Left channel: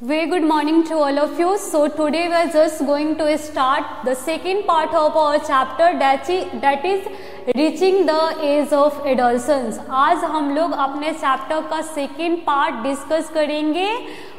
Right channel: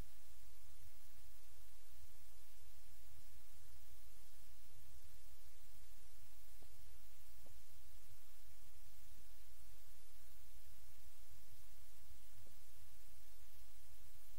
Very good morning to all of you. So today we are just going to start the second part of our chapter that is reaching the age of adolescence. आज हम लोग अपने chapter का second part discuss करेंगे.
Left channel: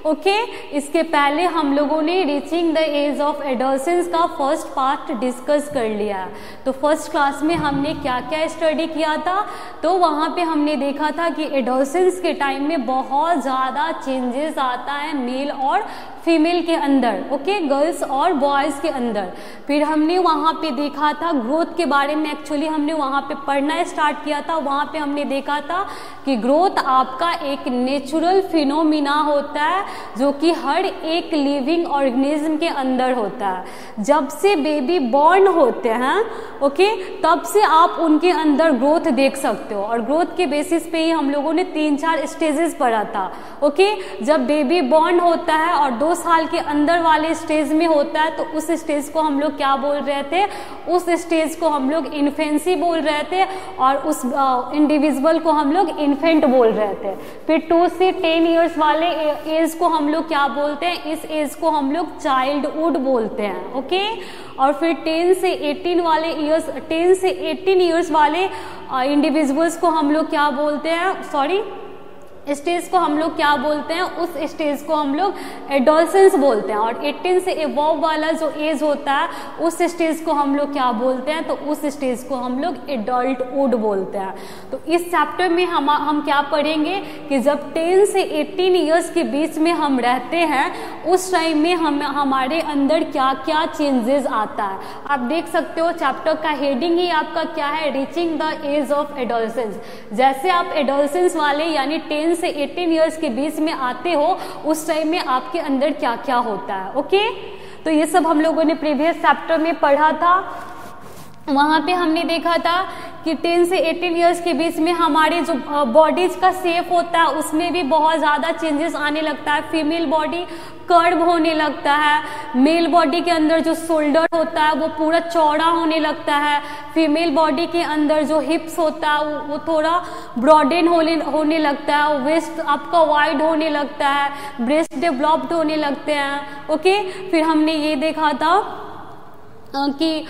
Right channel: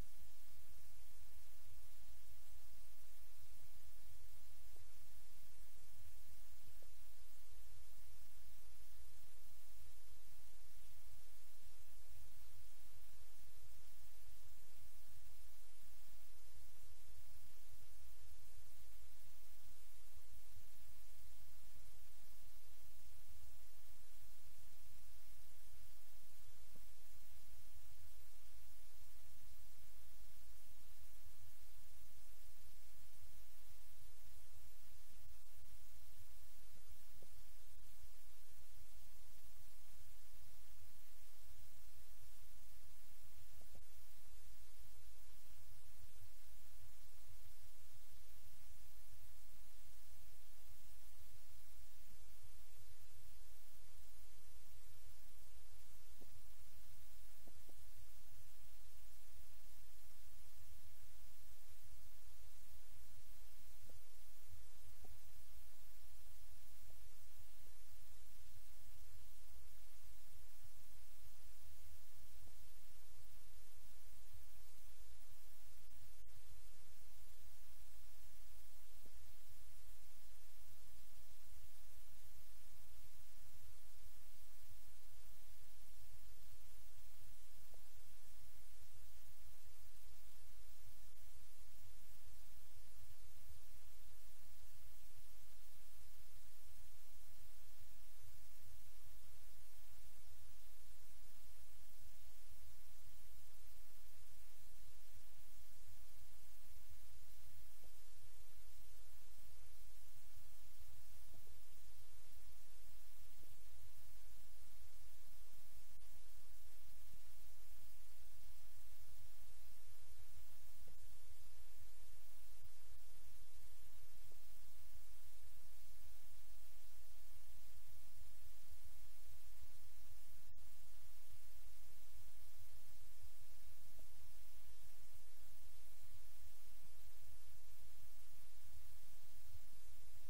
Okay इसके पहले हम लोगों ने reaching the age of adolescence का फर्स्ट पार्ट डिस्कस कर लिया. तो फर्स्ट क्लास में हमने क्या क्या स्टडी किया था, तो वहाँ पे हमने देखा था कि एडोलसेंस के टाइम में बहुत ज़्यादा चेंजेस आता है मेल और फीमेल के अंदर. ओके गर्ल्स और बॉयज़ के अंदर. फिर हमने वहाँ पे देखा था ग्रोथ के बारे में. एक्चुअली हमने वहाँ पे पढ़ना स्टार्ट किया था. वहाँ पे हमने देखा था कि ग्रोथ आपका एक नेचुरल फिनोमिना होता है जो कि हर एक लिविंग ऑर्गेनिज्म के अंदर होता है. जब से बेबी बॉर्न होते हैं ओके तब से आप उनके अंदर ग्रोथ देख सकते हो. और ग्रोथ के बेसिस पे ही हम लोगों ने 3-4 स्टेजेस पढ़ा था. ओके जब बेबी बॉर्न होता है और 2 साल के अंदर वाले स्टेज में होता है तो उस स्टेज को हम लोग क्या बोल रहे थे, उस स्टेज को हम लोग इन्फेंसी बोल रहे थे और उस इंडिविजुअल को हम लोग इन्फेंट बोल रहे थे. फिर 2 से 10 ईयर्स वाले एज को हम लोग क्या बोलते हैं, इस एज को हम लोग चाइल्डहुड बोलते हैं. ओके और फिर 10 से 18 ईयर्स वाले इंडिविजुअल्स को हम लोग क्या बोलते हैं, स्टेज को हम लोग क्या बोलते हैं, उस स्टेज को हम लोग एडोलसेंस बोलते हैं. और 18 से एबव वाला जो एज होता है उस स्टेज को हम लोग क्या बोलते हैं, तो उस स्टेज को हम लोग एडल्टहुड बोलते हैं. तो इस चैप्टर में हम क्या पढ़ेंगे कि जब 10 से 18 ईयर्स के बीच में हम रहते हैं उस टाइम में हमारे अंदर क्या क्या चेंजेस आता है. आप देख सकते हो चैप्टर का हेडिंग ही आपका क्या है, reaching the age of adolescence. जैसे आप एडोलसेंस वाले यानी 10 से 18 ईयर्स के बीच में आते हो उस टाइम में आपके अंदर क्या क्या होता है. ओके तो ये सब हम लोगों ने प्रीवियस चैप्टर में पढ़ा था. वहाँ पे हमने देखा था कि 10 से 18 ईयर्स के बीच में हमारे जो बॉडीज का शेप होता है उसमें भी बहुत ज़्यादा चेंजेस आने लगता है. फीमेल बॉडी कर्व होने लगता है, मेल बॉडी के अंदर जो शोल्डर होता है वो पूरा चौड़ा होने लगता है, फीमेल बॉडी के अंदर जो हिप्स होता है वो थोड़ा ब्रॉडेन होने लगता है, वेस्ट आपका वाइड होने लगता है, ब्रेस्ट डेवलप्ड होने लगते हैं. ओके फिर हमने ये देखा था कि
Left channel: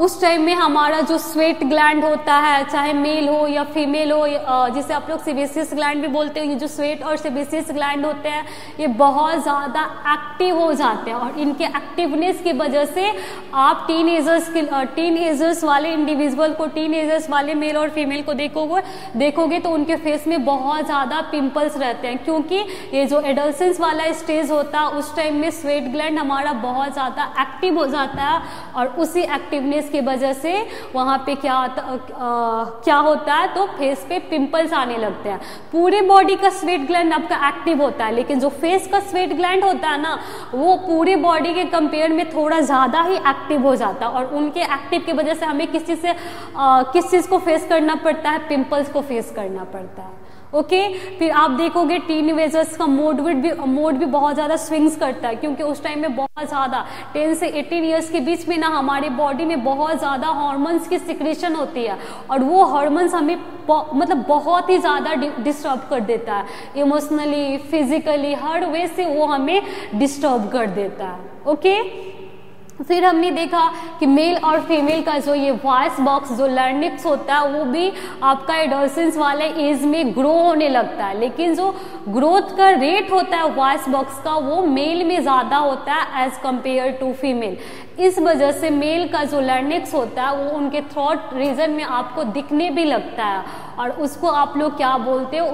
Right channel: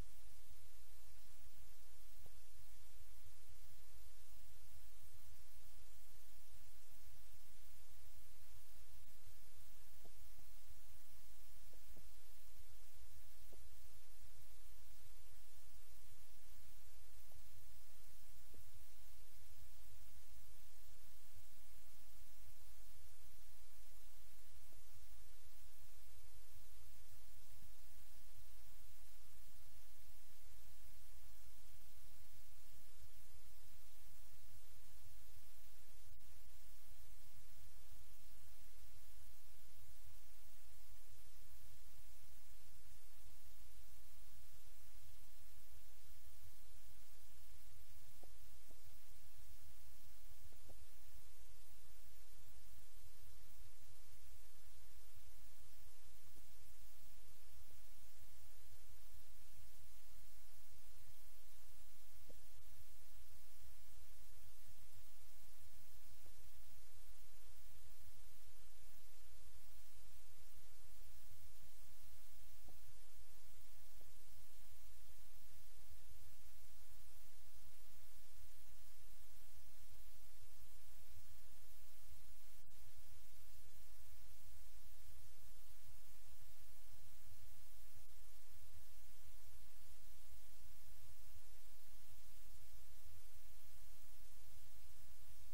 उस टाइम में हमारा जो स्वेट ग्लैंड होता है चाहे मेल हो या फीमेल हो, जिसे आप लोग सेबेसियस ग्लैंड भी बोलते हो, ये जो स्वेट और सेबेसियस ग्लैंड होते हैं ये बहुत ज़्यादा एक्टिव हो जाते हैं. और इनके एक्टिवनेस की वजह से आप टीनएजर्स वाले इंडिविजुअल को, टीनएजर्स वाले मेल और फीमेल को देखोगे तो उनके फेस में बहुत ज़्यादा पिंपल्स रहते हैं, क्योंकि ये जो एडोलसेंस वाला स्टेज होता है उस टाइम में स्वेट ग्लैंड हमारा बहुत ज़्यादा एक्टिव हो जाता है. और उसी एक्टिवनेस की वजह से वहाँ पे क्या होता है, तो फेस पे पिंपल्स आने लगते हैं. पूरे बॉडी का स्वेट ग्लैंड आपका एक्टिव होता है लेकिन जो फेस का स्वेट ग्लैंड होता है ना वो पूरे बॉडी के कंपेयर में थोड़ा ज़्यादा ही एक्टिव हो जाता है. और उनके एक्टिव की वजह से हमें किस चीज़ को फेस करना पड़ता है, पिंपल्स को फेस करना पड़ता है. ओके फिर आप देखोगे टीनएजर्स का मूड भी बहुत ज़्यादा स्विंग्स करता है, क्योंकि उस टाइम में बहुत ज़्यादा 10 से 18 ईयर्स के बीच में ना हमारे बॉडी में बहुत ज़्यादा हार्मोन्स की सिक्रेशन होती है और वो हार्मोन्स हमें मतलब बहुत ही ज़्यादा डिस्टर्ब कर देता है. इमोशनली, फिजिकली, हर वे से वो हमें डिस्टर्ब कर देता है. ओके फिर हमने देखा कि मेल और फीमेल का जो ये वॉइस बॉक्स जो लर्निक्स होता है वो भी आपका एडोलसेंस वाले एज में ग्रो होने लगता है, लेकिन जो ग्रोथ का रेट होता है वॉइस बॉक्स का वो मेल में ज़्यादा होता है एज कंपेयर टू फीमेल. इस वजह से मेल का जो लर्निक्स होता है वो उनके थ्रोट रीजन में आपको दिखने भी लगता है और उसको आप लोग क्या बोलते हो,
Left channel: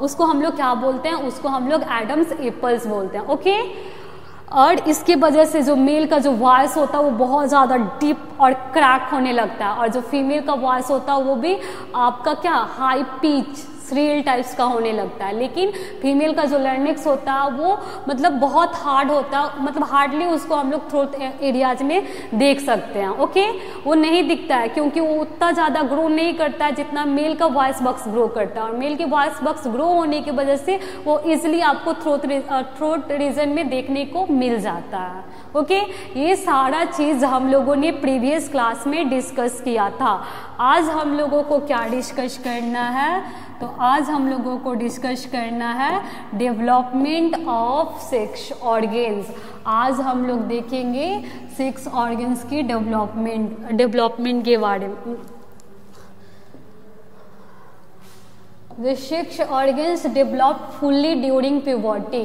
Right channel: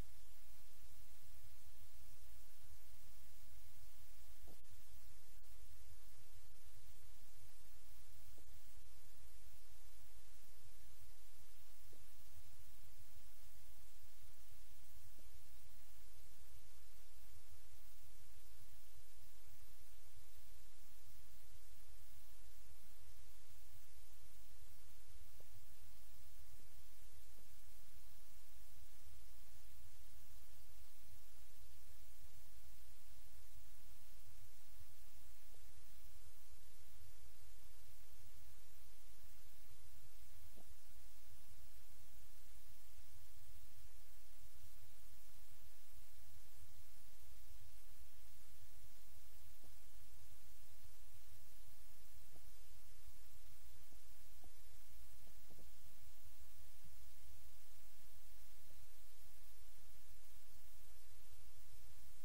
उसको हम लोग क्या बोलते हैं, उसको हम लोग एडम्स एप्पल्स बोलते हैं. ओके और इसके वजह से जो मेल का जो वॉइस होता है वो बहुत ज़्यादा डीप और क्रैक होने लगता है और जो फीमेल का वॉइस होता है वो भी आपका क्या हाई पिच श्रील टाइप्स का होने लगता है. लेकिन फीमेल का जो लर्निक्स होता है वो मतलब बहुत हार्ड होता है, मतलब हार्डली उसको हम लोग थ्रोट एरियाज में देख सकते हैं. ओके वो नहीं दिखता है क्योंकि वो उतना ज़्यादा ग्रो नहीं करता है जितना मेल का वॉइस बॉक्स ग्रो करता है. और मेल के वॉइस बॉक्स ग्रो होने की वजह से वो ईजिली आपको थ्रोट रीजन में देखने को मिल जाता है. ओके ये सारा चीज़ हम लोगों ने प्रीवियस क्लास में डिस्कस किया था. आज हम लोगों को क्या डिस्कस करना है, तो आज हम लोगों को डिस्कस करना है डेवलपमेंट ऑफ सेक्स ऑर्गेन्स। आज हम लोग देखेंगे सेक्स ऑर्गेन्स की डेवलपमेंट के बारे में। The sex organs develop fully during puberty।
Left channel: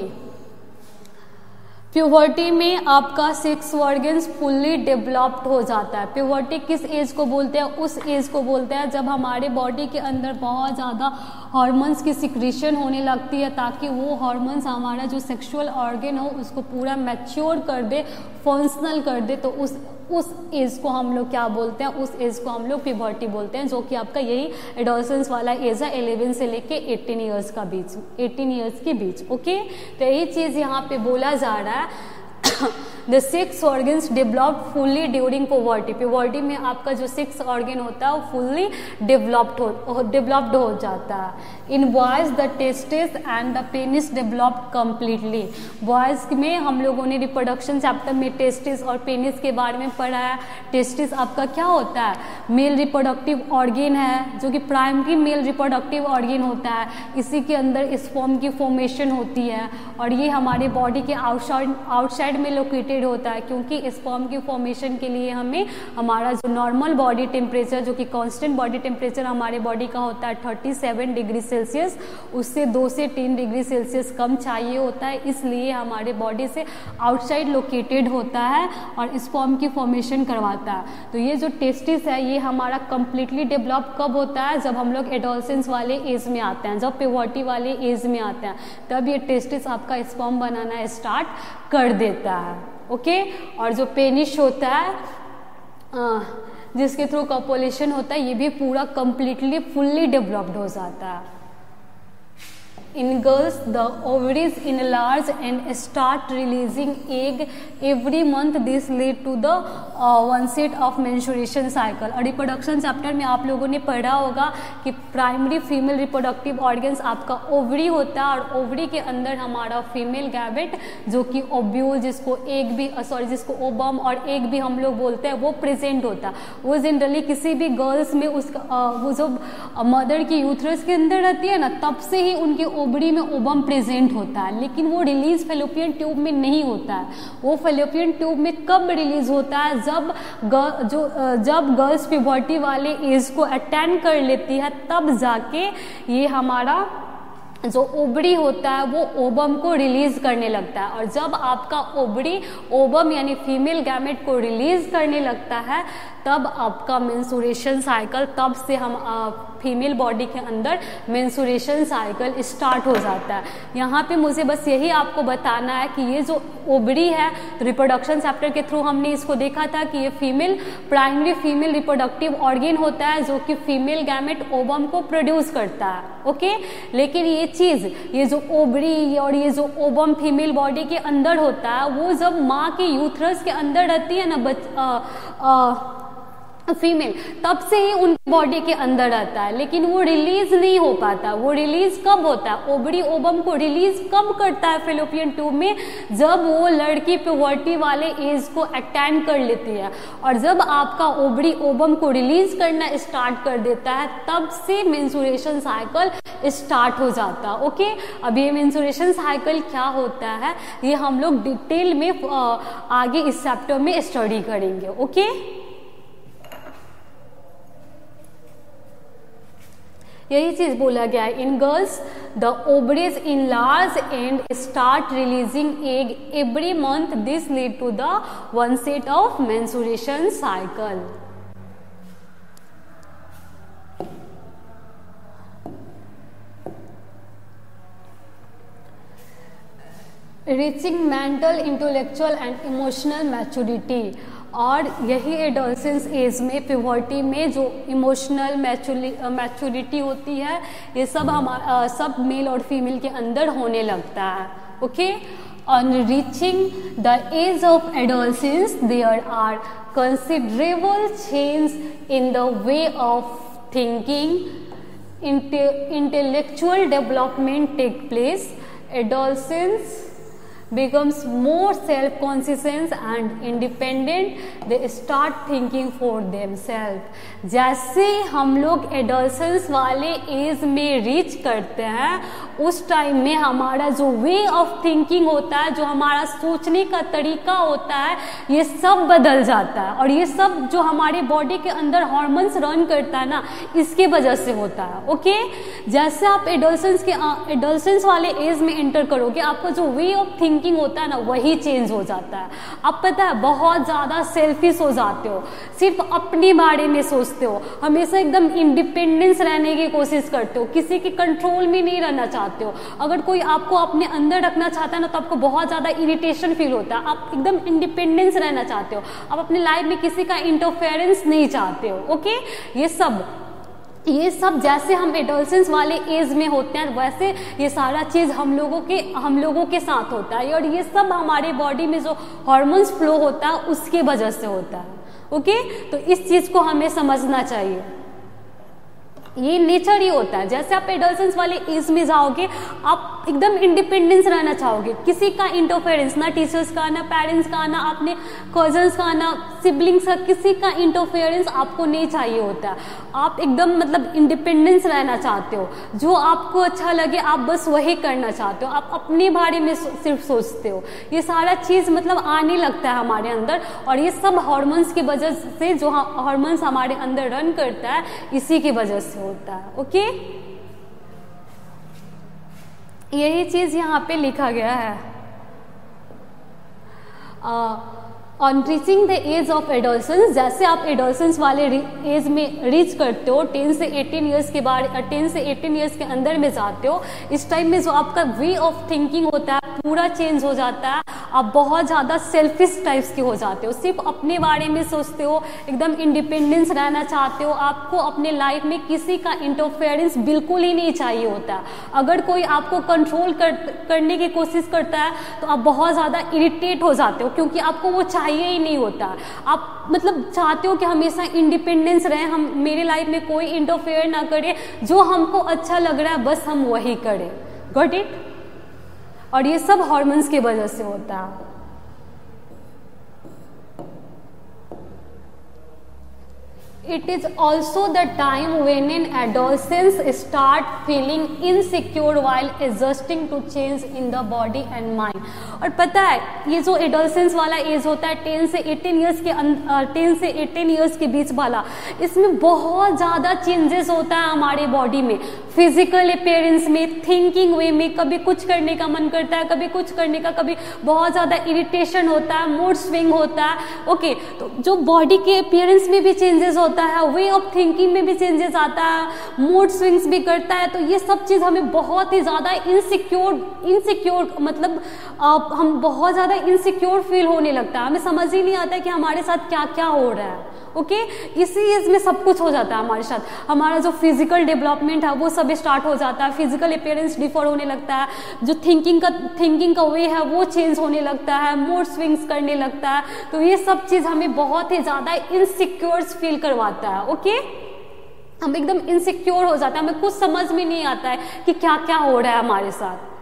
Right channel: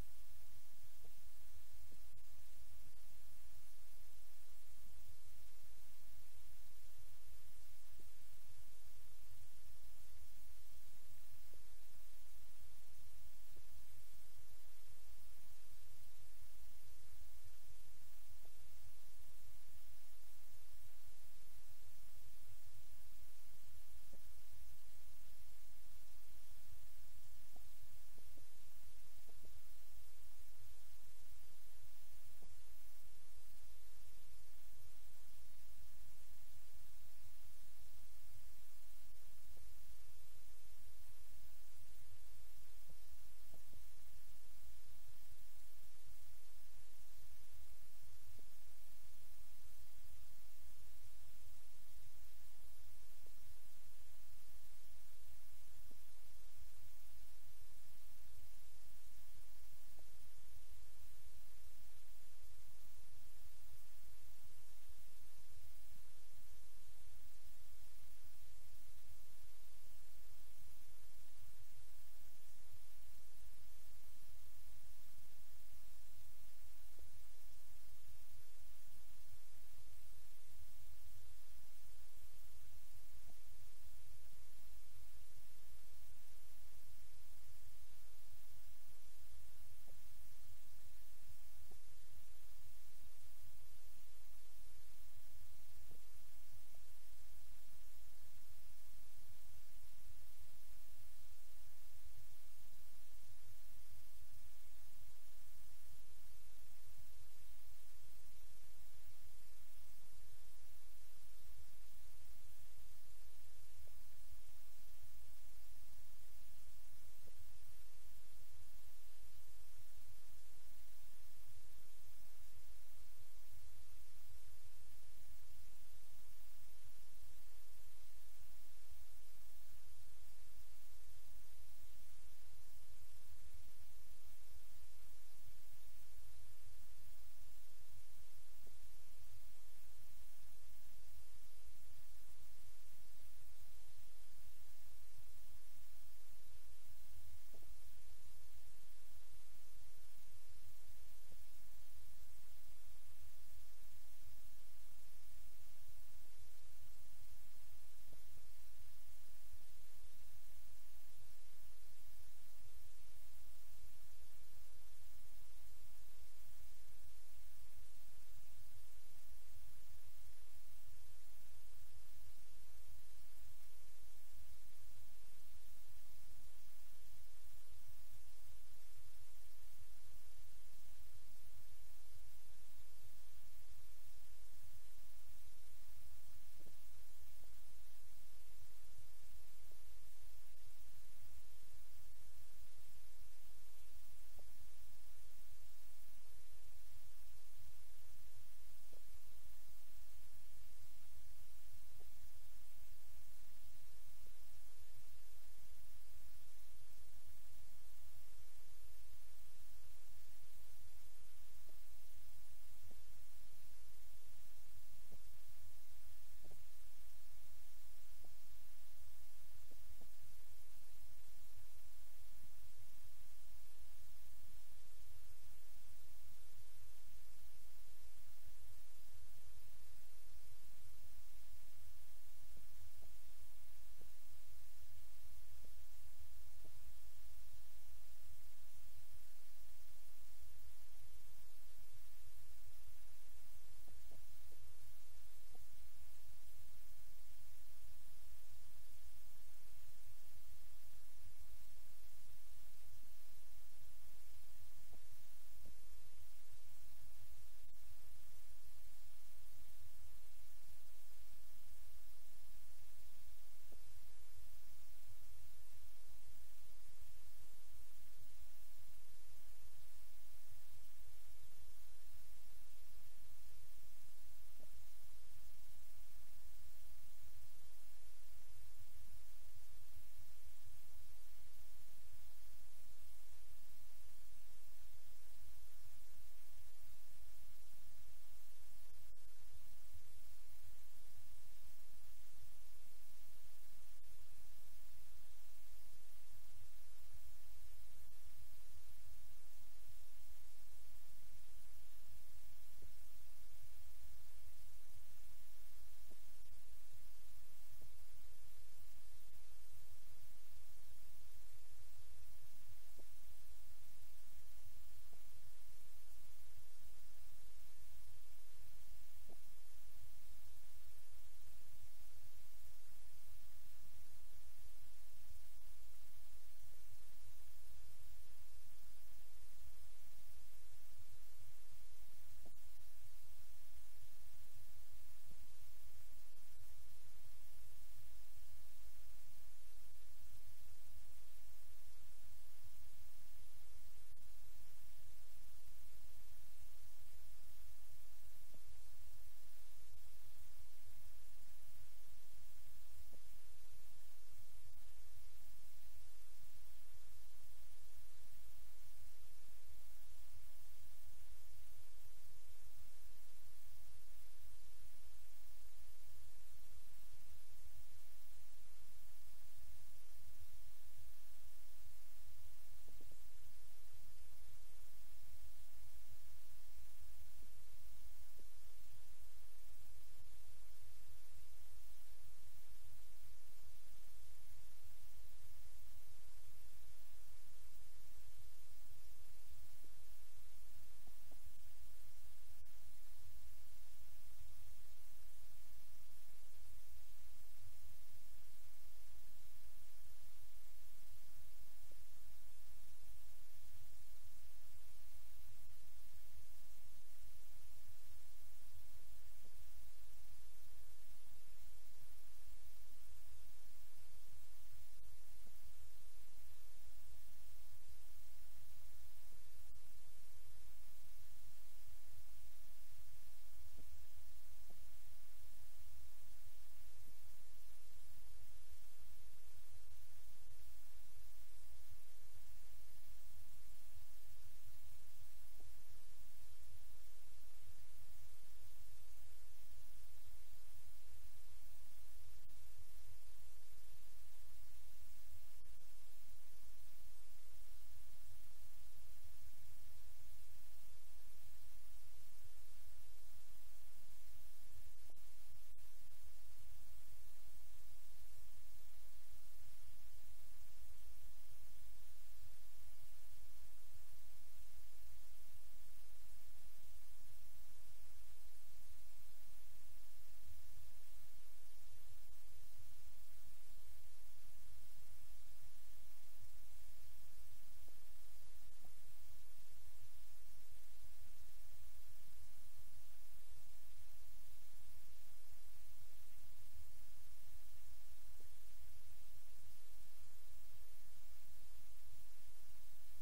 Puberty में आपका सेक्स ऑर्गन्स फुल्ली डेवलप्ड हो जाता है। प्यूबर्टी किस एज को बोलते हैं? उस एज को बोलते हैं जब हमारे बॉडी के अंदर बहुत ज़्यादा हार्मोन्स की सिक्रीशन होने लगती है, ताकि वो हार्मोन्स हमारा जो सेक्सुअल ऑर्गन हो उसको पूरा मैच्योर कर दे, फंक्शनल कर दे। तो उस एज को हम लोग क्या बोलते हैं? उस एज को हम लोग प्यूबर्टी बोलते हैं, जो कि आपका यही एडोलसेंस वाला एज है, 11 से लेके 18 ईयर्स का बीच, 18 ईयर्स के बीच। ओके, तो यही चीज़ यहाँ पे बोला जा रहा है। The sex organs develop fully during puberty। puberty में आपका जो सेक्स ऑर्गन होता है वो फुल्ली डेवलप्ड हो जाता है। In boys the testis and the penis develop completely. Boys में हम लोगों ने रिप्रोडक्शन चैप्टर में टेस्टिस और पेनिस के बारे में पढ़ा है। टेस्टिस आपका क्या होता है? मेल रिप्रोडक्टिव ऑर्गन है, जो कि प्राइमरी मेल रिप्रोडक्टिव ऑर्गन होता है। इसी के अंदर स्पर्म की फॉर्मेशन होती है और ये हमारे बॉडी के आउटसाइड में लोकेटेड होता है, क्योंकि स्पर्म की फॉर्मेशन के लिए हमें हमारा जो नॉर्मल बॉडी टेम्परेचर, जो कि कांस्टेंट बॉडी टेम्परेचर हमारे बॉडी का होता है 37 डिग्री सेल्सियस, उससे 2 से 3 डिग्री सेल्सियस कम चाहिए होता है। इसलिए हमारे बॉडी से आउटसाइड लोकेटेड होता है और स्पर्म की फॉर्मेशन करवाता है। तो ये जो टेस्टिस है ये हमारा कंप्लीटली डेवलप कब होता है? जब हम लोग एडोलसेंस वाले एज में आते हैं, जब प्यूबर्टी वाले एज में आते हैं, तब ये टेस्टिस आपका स्पर्म बनाना स्टार्ट कर देता है। ओके, और जो पेनिस होता है जिसके थ्रू कॉपुलेशन होता है, ये भी पूरा कंप्लीटली फुल्ली डेवलप्ड हो जाता है। In girls, the ovaries enlarge and start releasing egg every month. This lead to the onset of menstruation cycle। और रिप्रोडक्शन चैप्टर में आप लोगों ने पढ़ा होगा कि प्राइमरी फीमेल रिप्रोडक्टिव ऑर्गन्स आपका ओवरी होता है, और ओवरी के अंदर हमारा फीमेल गैमेट, जो कि ओव्यूल, जिसको ओबम और एग भी हम लोग बोलते हैं, वो प्रेजेंट होता है। वो जनरली किसी भी गर्ल्स में वो जो मदर की यूथरस के अंदर रहती है ना, तब से ही उनके ओवरी में ओबम प्रेजेंट होता है, लेकिन वो रिलीज फेलोपियन ट्यूब में नहीं होता है। वो फेलोपियन ट्यूब में कब रिलीज होता है? जब गर्ल्स प्यूबर्टी वाले एज को अटेंड कर लेती है, तब जाके ये हमारा जो ओवरी होता है वो ओबम को रिलीज करने लगता है। और जब आपका ओवरी ओबम यानी फीमेल गैमेट को रिलीज करने लगता है, तब आपका मेंस्ट्रुएशन साइकिल, तब से हम फीमेल बॉडी के अंदर मेंस्ट्रुएशन साइकिल स्टार्ट हो जाता है। यहाँ पे मुझे बस यही आपको बताना है कि ये जो ओवरी है, तो रिप्रोडक्शन चैप्टर के थ्रू हमने इसको देखा था कि ये प्राइमरी फीमेल रिप्रोडक्टिव ऑर्गन होता है, जो कि फीमेल गैमेट ओबम को प्रोड्यूस करता है। ओके, लेकिन ये जो ओवरी और ये जो ओबम फीमेल बॉडी के अंदर होता है, वो जब माँ के यूथरस के अंदर रहती है ना फीमेल, तब से ही उनकी बॉडी के अंदर रहता है, लेकिन वो रिलीज नहीं हो पाता। वो रिलीज कब होता है? ओवरी ओबम को रिलीज कब करता है फेलोपियन ट्यूब में? जब वो लड़की प्यूबर्टी वाले एज को अटेंड कर लेती है। और जब आपका ओवरी ओबम को रिलीज करना स्टार्ट कर देता है, तब से मेंस्ट्रुएशन साइकिल स्टार्ट हो जाता है। ओके, अब ये मेंस्ट्रुएशन साइकिल क्या होता है ये हम लोग डिटेल में आगे इस चैप्टर में स्टडी करेंगे। ओके, यही चीज बोला गया है। In girls the ovaries enlarge and start releasing egg every month. This lead to the onset of menstruation cycle. Reaching mental, intellectual and emotional maturity. और यही एडोलसेंस एज में, प्यूबर्टी में जो इमोशनल मैच्योरिटी होती है, ये सब मेल और फीमेल के अंदर होने लगता है। Okay, on reaching the age of adolescence there are considerable change in the way of thinking, intellectual development take place. Adolescence becomes more self-conscious and independent, they start thinking for themselves. जैसे हम लोग adolescence वाले as में reach करते हैं, उस time में हमारा जो वे ऑफ थिंकिंग होता है, जो हमारा सोचने का तरीका होता है, ये सब बदल जाता है। और ये सब जो हमारे बॉडी के अंदर हार्मोन्स रन करता है ना, इसके वजह से होता है। ओके, जैसे आप एडोलसेंस वाले एज में एंटर करोगे, आपका जो वे ऑफ थिंकिंग होता है ना, वही चेंज हो जाता है। आप पता है बहुत ज़्यादा सेल्फिश हो जाते हो, सिर्फ अपने बारे में सोचते हो, हमेशा एकदम इंडिपेंडेंस रहने की कोशिश करते हो, किसी के कंट्रोल में नहीं रहना चाहते हो। अगर कोई आपको अपने अंदर रखना चाहता है ना, तो आपको बहुत ज़्यादा इरिटेशन फील होता है। आप एकदम इंडिपेंडेंस रहना चाहते हो, आप अपने लाइफ में किसी का इंटरफेरेंस नहीं चाहते हो। ओके, ये सब जैसे हम एडोलसेंस वाले एज में होते हैं, वैसे ये सारा चीज़ हम लोगों के साथ होता है। और ये सब हमारे बॉडी में जो हार्मोन्स फ्लो होता है, उसके वजह से होता है। ओके, तो इस चीज़ को हमें समझना चाहिए। ये नेचर ही होता है। जैसे आप एडोलसेंस वाले एज में जाओगे, आप एकदम इंडिपेंडेंस रहना चाहोगे, किसी का इंटरफेरेंस, ना टीचर्स का, ना पेरेंट्स का, ना अपने कजन्स का, ना सिबलिंग्स का, किसी का इंटरफेरेंस आपको नहीं चाहिए होता है। आप एकदम मतलब इंडिपेंडेंस रहना चाहते हो, जो आपको अच्छा लगे आप बस वही करना चाहते हो, आप अपने बारे में सिर्फ सोचते हो। ये सारा चीज़ मतलब आने लगता है हमारे अंदर, और ये सब हार्मोन्स की वजह से, जो हार्मोन्स हमारे अंदर रन करता है, इसी की वजह से होता है। ओके, यही चीज यहाँ पे लिखा गया है। On reaching the age of adolescence, जैसे आप एडोलसेंस वाले एज में रीच करते हो, 10 से 18 ईयर्स के बाद, 10 से 18 ईयर्स के अंदर में जाते हो, इस टाइम में जो आपका वे ऑफ थिंकिंग होता है पूरा चेंज हो जाता है। आप बहुत ज़्यादा सेल्फिश टाइप्स के हो जाते हो, सिर्फ अपने बारे में सोचते हो, एकदम इंडिपेंडेंस रहना चाहते हो, आपको अपने लाइफ में किसी का इंटरफेरेंस बिल्कुल ही नहीं चाहिए होता। अगर कोई आपको कंट्रोल करने की कोशिश करता है, तो आप बहुत ज़्यादा इरिटेट हो जाते हो, क्योंकि आपको वो चाहिए ही नहीं होता। आप मतलब चाहते हो कि हमेशा इंडिपेंडेंस रहे, हम मेरे लाइफ में कोई इंटरफेयर ना करे, जो हमको अच्छा लग रहा है बस हम वही करें। Got it? और ये सब हार्मोन्स की वजह से होता है। It is also the time when an adolescent start feeling insecure while adjusting to change in the body and mind. और पता है ये जो एडोलसेंस वाला एज होता है 10 से 18 ईयर्स के बीच वाला, इसमें बहुत ज़्यादा चेंजेस होता है हमारे बॉडी में, फिजिकल अपीयरेंस में, थिंकिंग वे में। कभी कुछ करने का मन करता है, कभी कुछ करने का, कभी बहुत ज़्यादा इरिटेशन होता है, मूड स्विंग होता है। ओके, तो जो बॉडी के अपीयरेंस में भी चेंजेस होता है, वे ऑफ थिंकिंग में भी चेंजेस आता है, मूड स्विंग्स भी करता है। तो ये सब चीज़ हमें बहुत ही ज़्यादा इनसिक्योर मतलब हम बहुत ज़्यादा इनसिक्योर फील होने लगता है, हमें समझ ही नहीं आता है कि हमारे साथ क्या क्या हो रहा है। ओके, इसी एज में सब कुछ हो जाता है हमारे साथ। हमारा जो फिजिकल डेवलपमेंट है वो सब स्टार्ट हो जाता है, फिजिकल अपीयरेंस डिफर होने लगता है, जो थिंकिंग का वे है वो चेंज होने लगता है, मूड स्विंग्स करने लगता है। तो ये सब चीज़ हमें बहुत ही ज़्यादा इनसिक्योर फील करवाता है। ओके, हम एकदम इनसिक्योर हो जाता है, हमें कुछ समझ में नहीं आता है कि क्या क्या हो रहा है हमारे साथ।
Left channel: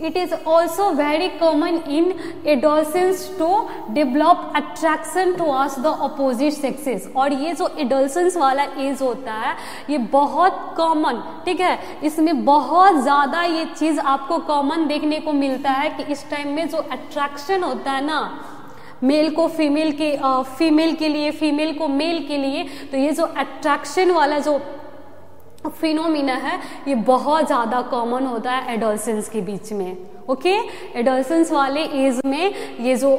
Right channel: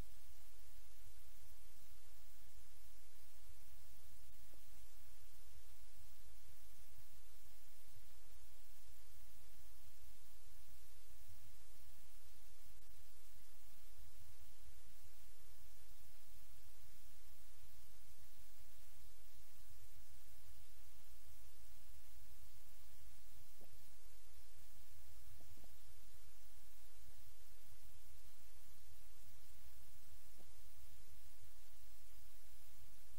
It is also very common in adolescents to develop attraction towards the opposite sexes। और ये जो adolescence वाला एज होता है ये बहुत कॉमन, ठीक है, इसमें बहुत ज़्यादा ये चीज़ आपको कॉमन देखने को मिलता है कि इस टाइम में जो अट्रैक्शन होता है ना, मेल को फीमेल के लिए, फीमेल को मेल के लिए, तो ये जो अट्रैक्शन वाला जो फिनोमिना है ये बहुत ज़्यादा कॉमन होता है एडोलसेंस के बीच में। ओके, एडोलसेंस वाले एज में ये जो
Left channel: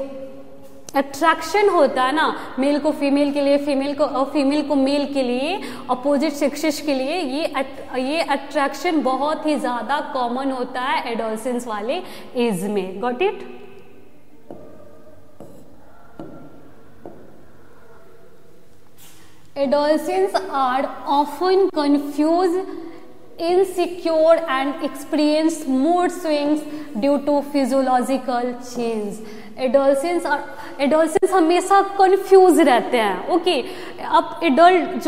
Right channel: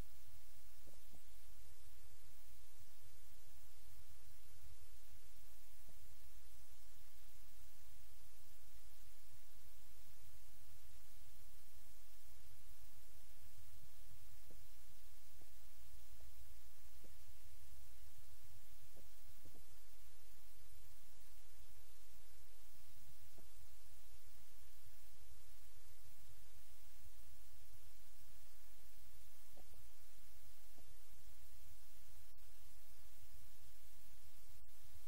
अट्रैक्शन होता है ना, मेल को फीमेल के लिए, फीमेल को मेल के लिए, अपोजिट सेक्सेस के लिए, ये अट्रैक्शन बहुत ही ज़्यादा कॉमन होता है एडोलसेंस वाले एज में। Got it? Adolescents are often confused, insecure and experience mood swings due to physiological change. Adolescence हमेशा कंफ्यूज रहते हैं। ओके, अब एडल्ट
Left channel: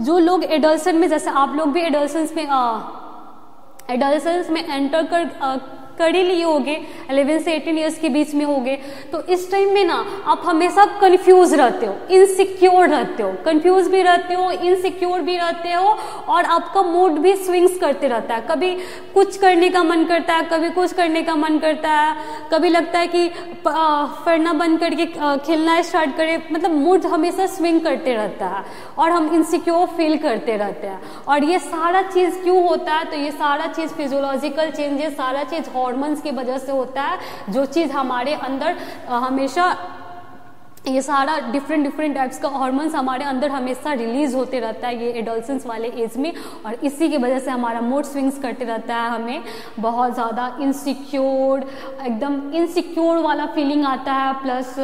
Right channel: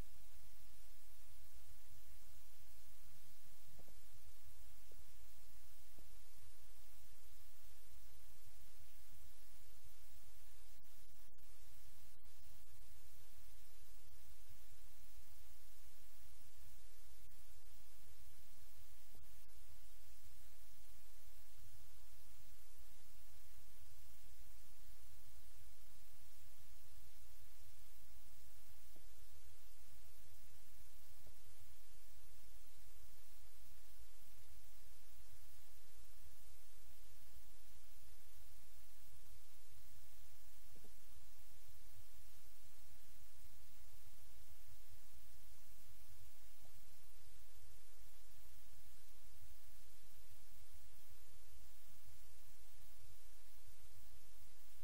जो लोग एडोलसेंस में, जैसे आप लोग भी एडोलसेंस में एंटर कर ही लिए होगे, 11 से 18 ईयर्स के बीच में होगे। तो इस टाइम में ना आप हमेशा कंफ्यूज रहते हो, इनसिक्योर रहते हो, कंफ्यूज भी रहते हो, इनसिक्योर भी रहते हो, और आपका मूड भी स्विंग्स करते रहता है। कभी कुछ करने का मन करता है, कभी कुछ करने का मन करता है, कभी लगता है कि पढ़ना बंद करके खेलना स्टार्ट करें, मतलब मूड हमेशा स्विंग करते रहता है और हम इनसिक्योर फील करते रहते हैं। और ये सारा चीज़ क्यों होता है? तो ये सारा चीज़ फिजियोलॉजिकल चेंजेस, सारा चीज़ हॉर्मोन्स की वजह से होता है, जो चीज़ हमारे अंदर हमेशा, ये सारा डिफरेंट टाइप्स का हार्मोन्स हमारे अंदर हमेशा रिलीज होते रहता है ये एडोलसेंस वाले एज में, और इसी की वजह से हमारा मूड स्विंग्स करते रहता है, हमें बहुत ज़्यादा इनसिक्योर, एकदम इनसिक्योर वाला फीलिंग आता है, प्लस